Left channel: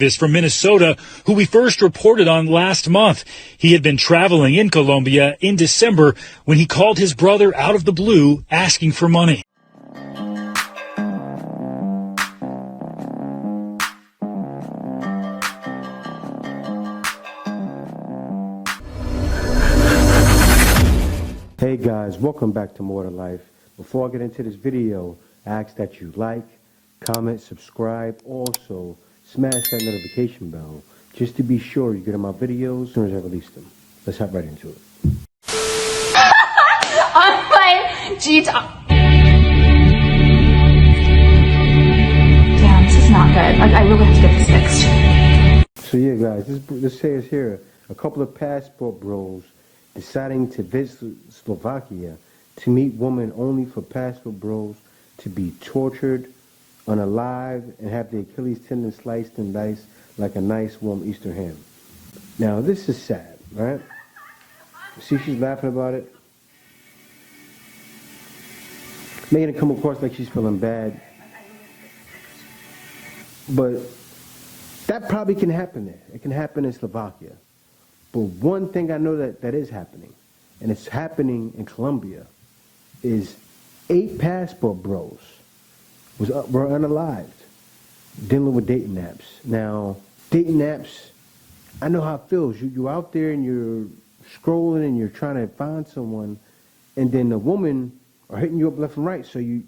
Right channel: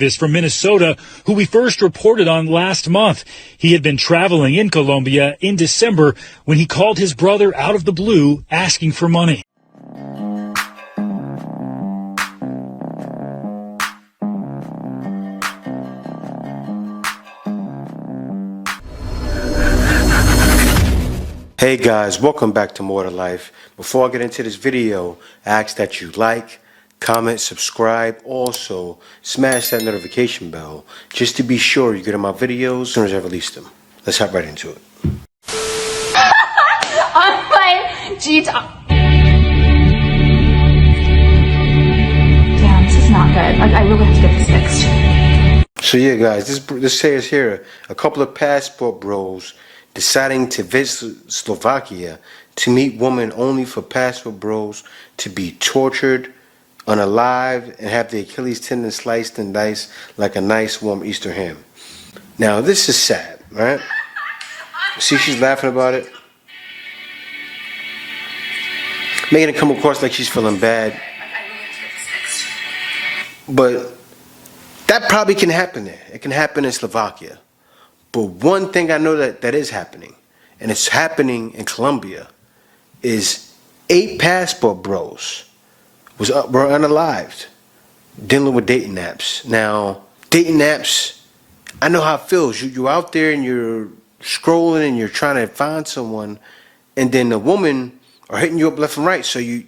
This from Minnesota, who we first reported on last month. He had been traveling in Colombia in December when he called his brother out of the blue asking for money. Hey guys, welcome back to More to Life. Before I get into this video, I ask that you like, comment, subscribe. Also, smash that notification bell just to be sure you get my videos as soon as I release them. Let's hop right into it. On my G-Talk. Damn, this is not good. Like, I really have to get this fixed. So yeah guys, this says here, a couple of passport bros deciding to visit Slovakia to meet women only for passport bros to be tortured, unalive, and have the Achilles tendon sliced and diced like a nice warm Easter ham. Now this is sad, right? See, she's laughing about it, making it come across like she's feeling bad. But that probably can happen there. It can happen in Slovakia. But one thing I know that is happening, and it's happening in Colombia, is 8 passport bros were unalived, dealing with dating apps. Now, dating apps, I know how it feels. You're out there and you're scrolling and you're trying to find someone, and then the woman are hitting you up left and right, so your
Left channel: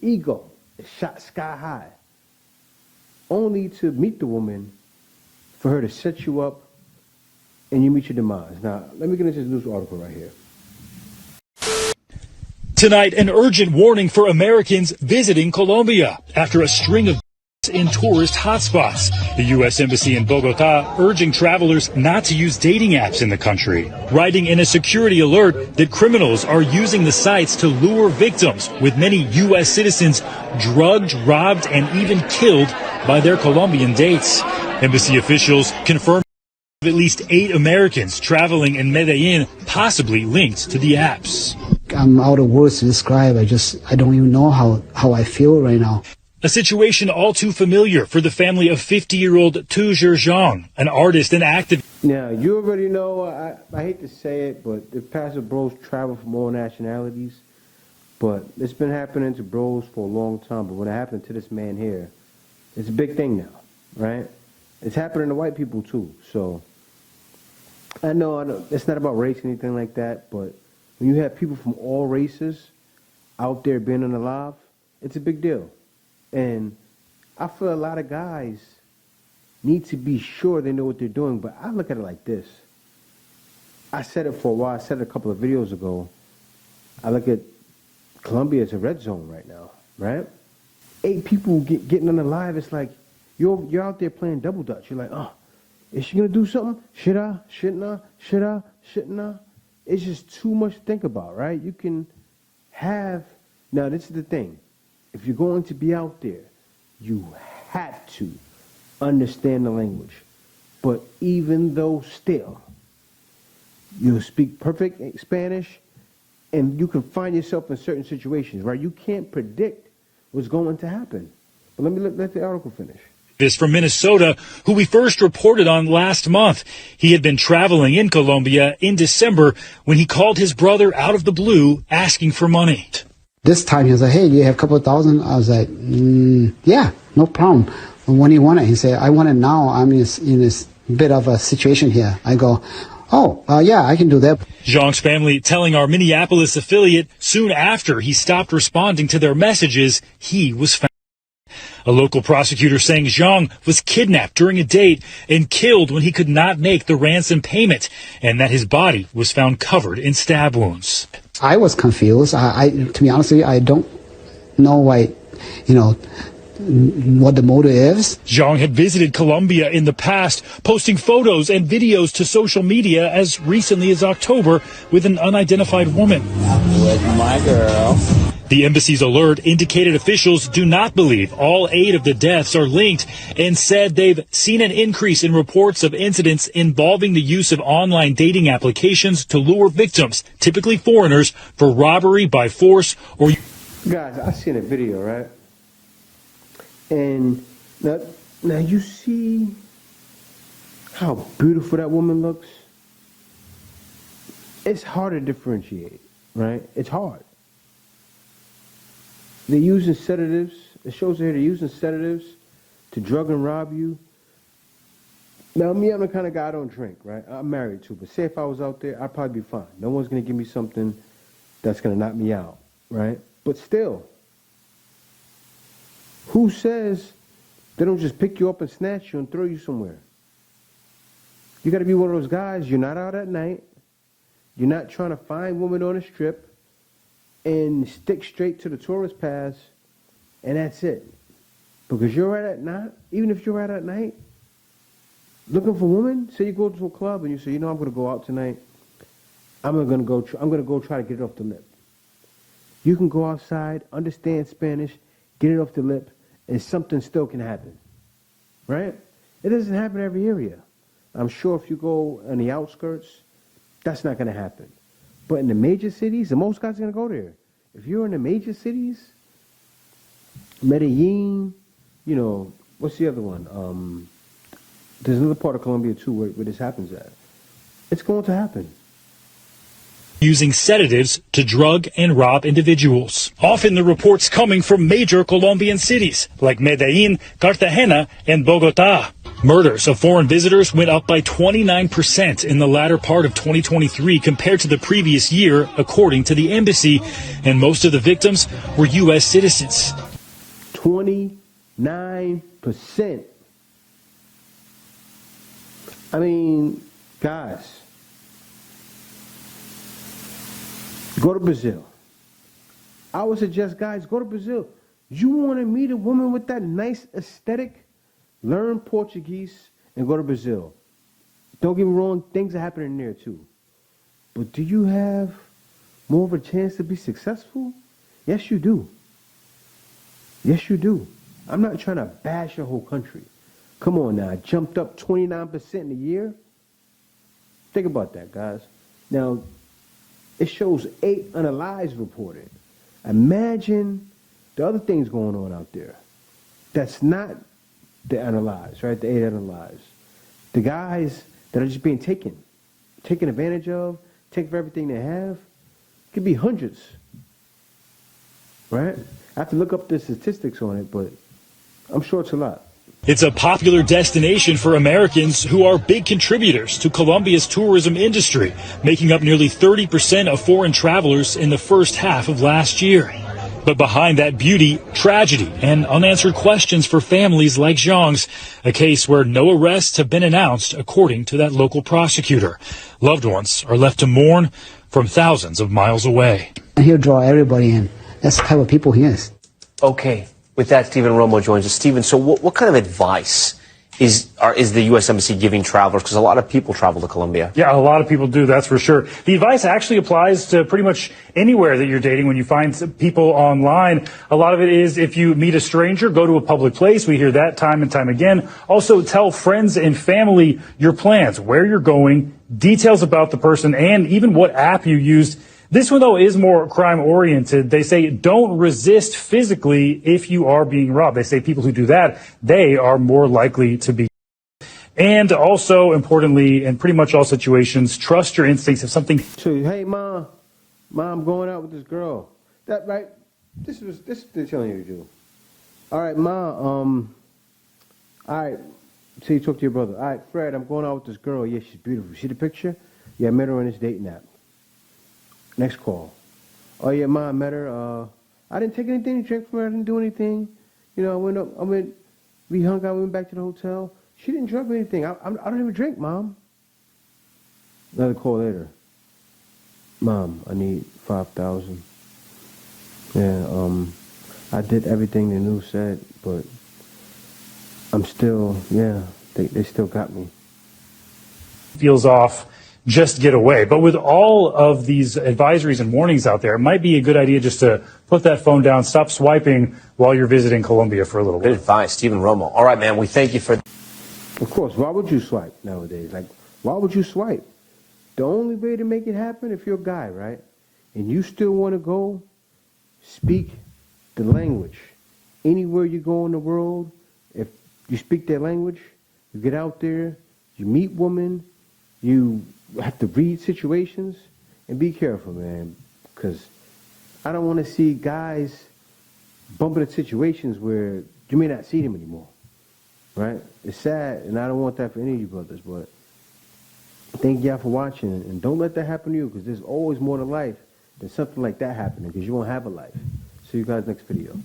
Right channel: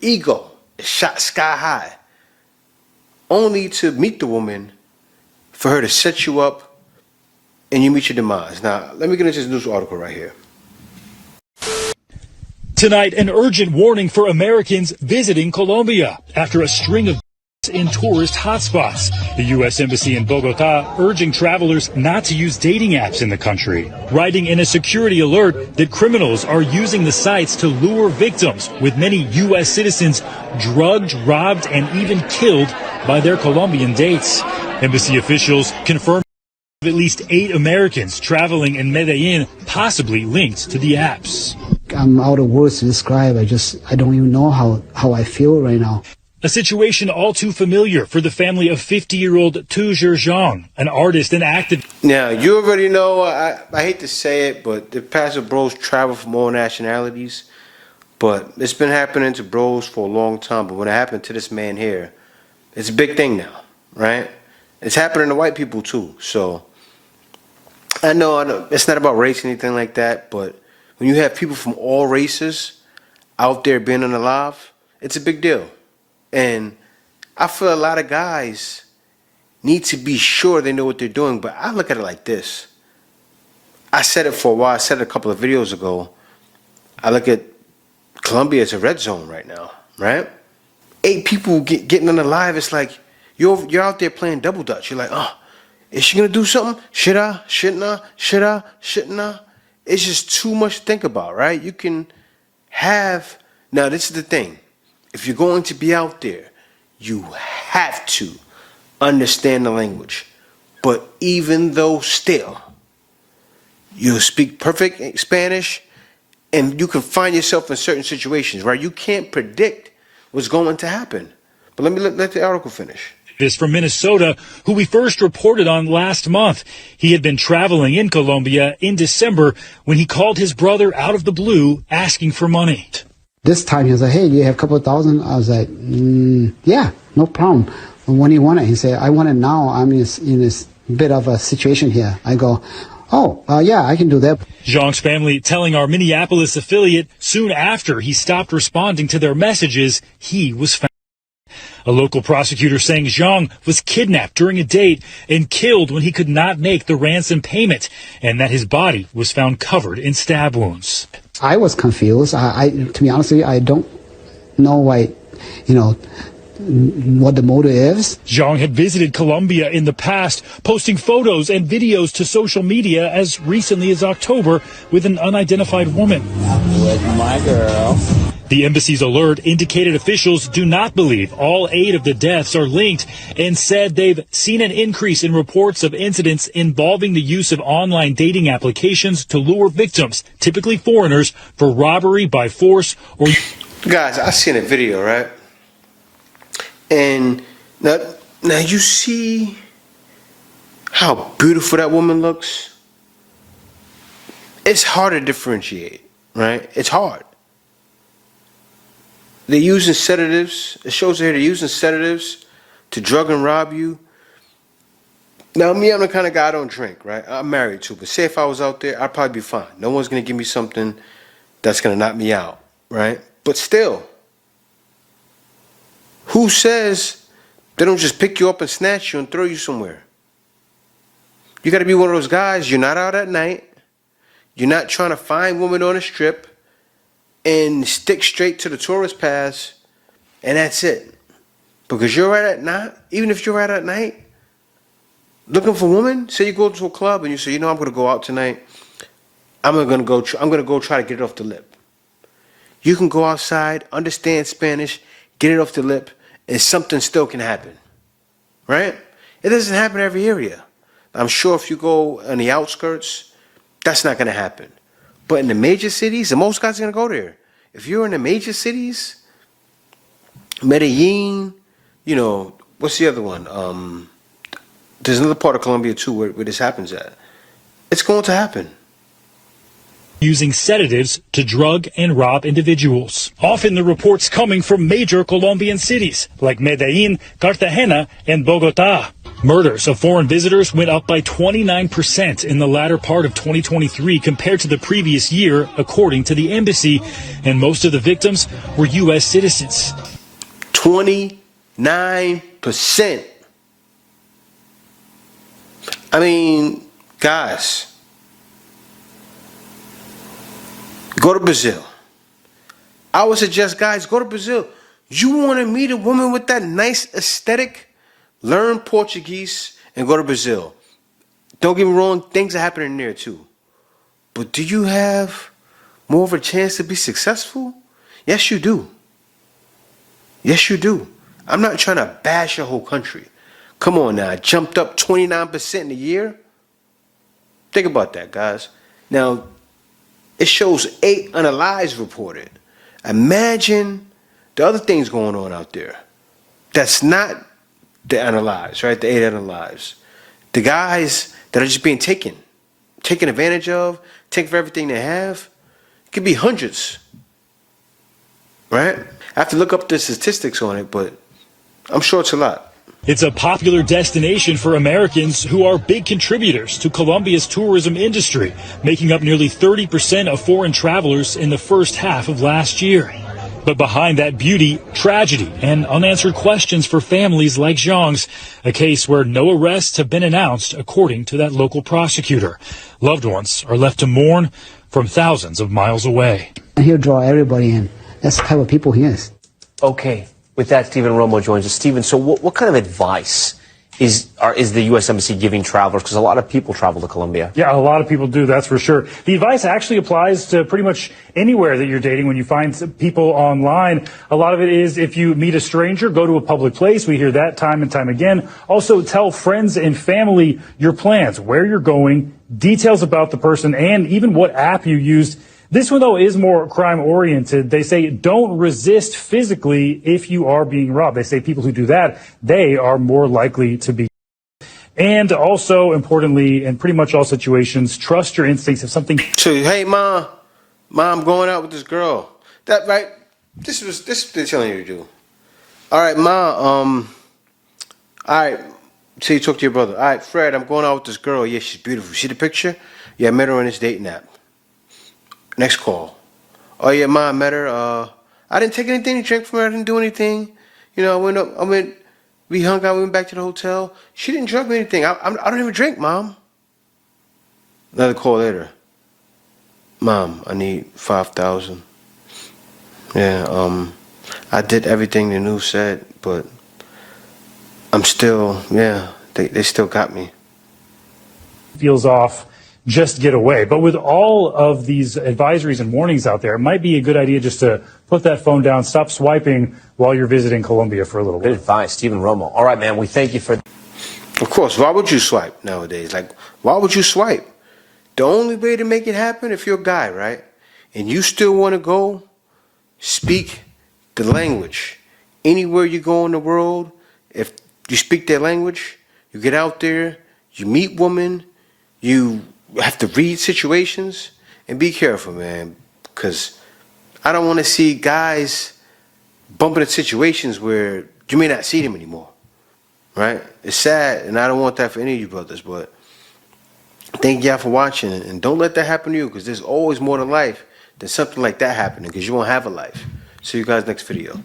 ego is shot sky high, only to meet the woman for her to set you up and you meet your demise. Now, let me get into this news article right here. Tonight, an urgent warning for Americans visiting Colombia after a string of in tourist hotspots. The U.S. Embassy in Bogota urging travelers not to use dating apps in the country, writing in a security alert that criminals are using the sites to lure victims, with many U.S. citizens drugged, robbed, and even killed by their Colombian dates. Embassy officials confirmed at least 8 Americans traveling in Medellin possibly linked to the apps. I'm out of words to describe. I don't even know how I feel right now. A situation all too familiar for the family of 50-year-old Tu Zhang, an artist and activist. Now, you already know, I hate to say it, but the passport bros travel from all nationalities. But it's been happening to bros for a long time. But when it happened to this man here, it's a big thing now, right? It's happening to white people too. So I know it's not about race or anything like that, but when you have people from all races out there being unalive, it's a big deal. And I feel a lot of guys need to be sure they know what they're doing, but I look at it like this. I said it for a while. I said it a couple of videos ago. I look at Colombia as a red zone right now, right? 8 people getting unalive. It's like you're out there playing double dutch. You're like, oh, is she going to do something? Should I? Shouldn't I? Should I? Shouldn't I? It's just too much to think about, right? You can have... Now, this is the thing. If you're going to be out there, you have to understand the language. But even though still, you'll speak perfect Spanish, and you can find yourself in certain situations, right? You can't predict what's going to happen. But let the article finish. This from Minnesota, who we first reported on last month. He had been traveling in Colombia in December when he called his brother out of the blue asking for money. This time he was like, hey, do you have a couple of thousand? I was like, yeah, no problem. When do you want it? He said, I want it now. I'm in this bit of a situation here. I go, yeah, I can do that. Zhang's family telling our Minneapolis affiliate soon after he stopped responding to their messages, he was found. A local prosecutor saying Zhang was kidnapped during a date and killed when he could not make the ransom payment, and that his body was found covered in stab wounds. I was confused. To be honest with you, I don't know why, what the motive is. Zhang had visited Colombia in the past, posting photos and videos to social media as recently as October with an unidentified woman. I'm with my girl. The embassy's alert indicated officials do not believe all 8 of the deaths are linked and said they've seen an increase in reports of incidents involving the use of online dating applications to lure victims, typically foreigners, for robbery by force or... Guys, I seen a video, right? And now Now you see how beautiful that woman looks? It's hard to differentiate, right? It's hard. They're using sedatives. It shows here they're using sedatives to drug and rob you. Now, me, I'm the kind of guy I don't drink, right? I'm married too, but say if I was out there, I'd probably be fine. No one's gonna give me something that's gonna knock me out, right? But still, who says they don't just pick you up and snatch you and throw you somewhere? You gotta be one of those guys, you're not out at night, you're not trying to find women on a strip and stick straight to the tourist pass, and that's it. Because you're out at night, even if you're out at night, looking for women, say you go to a club and you say, you know, I'm gonna go out tonight, I'm gonna go try to get it off the lip. You can go outside, understand Spanish, get it off the lip, and something still can happen, right? It doesn't happen every area. I'm sure if you go on the outskirts, that's not gonna happen. But in the major cities, and most guys are gonna go there. If you're in the major cities, Medellin, you know, what's the other one? There's another part of Colombia too where this happens at. It's going to happen. Using sedatives to drug and rob individuals. Often the reports coming from major Colombian cities like Medellin, Cartagena, and Bogota. Murders of foreign visitors went up by 29% in the latter part of 2023 compared to the previous year, according to the embassy, and most of the victims were U.S. citizens. 29%. I mean, guys, go to Brazil. I would suggest, guys, go to Brazil. You want to meet a woman with that nice aesthetic? Learn Portuguese and go to Brazil. Don't get me wrong, things are happening there too. But do you have more of a chance to be successful? Yes, you do. Yes, you do. I'm not trying to bash your whole country. Come on now, it jumped up 29% in a year. Think about that, guys. Now, it shows 8 unalives reported. Imagine the other things going on out there. That's not the unalives, right? The 8 unalives. The guys that are just being taken advantage of, taken for everything they have. It could be hundreds, right? I have to look up the statistics on it, but I'm sure it's a lot. It's a popular destination for Americans who are big contributors to Colombia's tourism industry, making up nearly 30% of foreign travelers in the first half of last year. But behind that beauty, tragedy and unanswered questions for families like Zhang's, a case where no arrests have been announced, according to that local prosecutor. Loved ones are left to mourn from thousands of miles away. He'll draw everybody in. That's the type of people he is. Okay. With that, Stephen Romo joins us. Stephen, so what kind of advice is the U.S. Embassy giving travelers? Because a lot of people travel to Colombia. Yeah, a lot of people do, that's for sure. The advice actually applies to pretty much anywhere that you're dating when you find people online. A lot of it is if you meet a stranger, go to a public place. We hear that time and time again. Also, tell friends and family your plans, where you're going, details about the person, and even what app you used. This one, though, is more crime-oriented. They say don't resist physically if you are being robbed. They say people who do that, they are more likely to be. And also, importantly, in pretty much all situations, trust your instincts. If something... So, hey, Mom, I'm going out with this girl. That, right? This is what they're telling you to do. All right, Mom, all right, so you talk to your brother. All right, Fred, I'm going out with this girl. Yeah, she's beautiful. See the picture? Yeah, I met her on this dating app. Next call. Oh yeah, Ma, I met her. I didn't take anything to drink from her. I didn't do anything. You know, we hung out, we went back to the hotel. She didn't drug me anything. I don't even drink, Mom. Another call later. Mom, I need 5,000. Yeah, I did everything the news said, but I'm still, they still got me. Feels off. Just get away. But with all of these advisories and warnings out there, it might be a good idea just to put that phone down, stop swiping while you're visiting Colombia for a little while. Good advice, Stephen Romo. All right, man, we thank you for... Of course, why would you swipe nowadays? Like, why would you swipe? The only way to make it happen, if you're a guy, right, and you still want to go, speak the language. Anywhere you go in the world, if you speak their language, you get out there, you meet women, you have to read situations, and be careful, man, because I don't want to see guys bumping into situations where you may not see them anymore, right? It's sad, and I don't want that for any of you brothers, but thank y'all for watching, and don't let that happen to you, because there's always more to life than something like that happening, because you won't have a life. See you guys next video.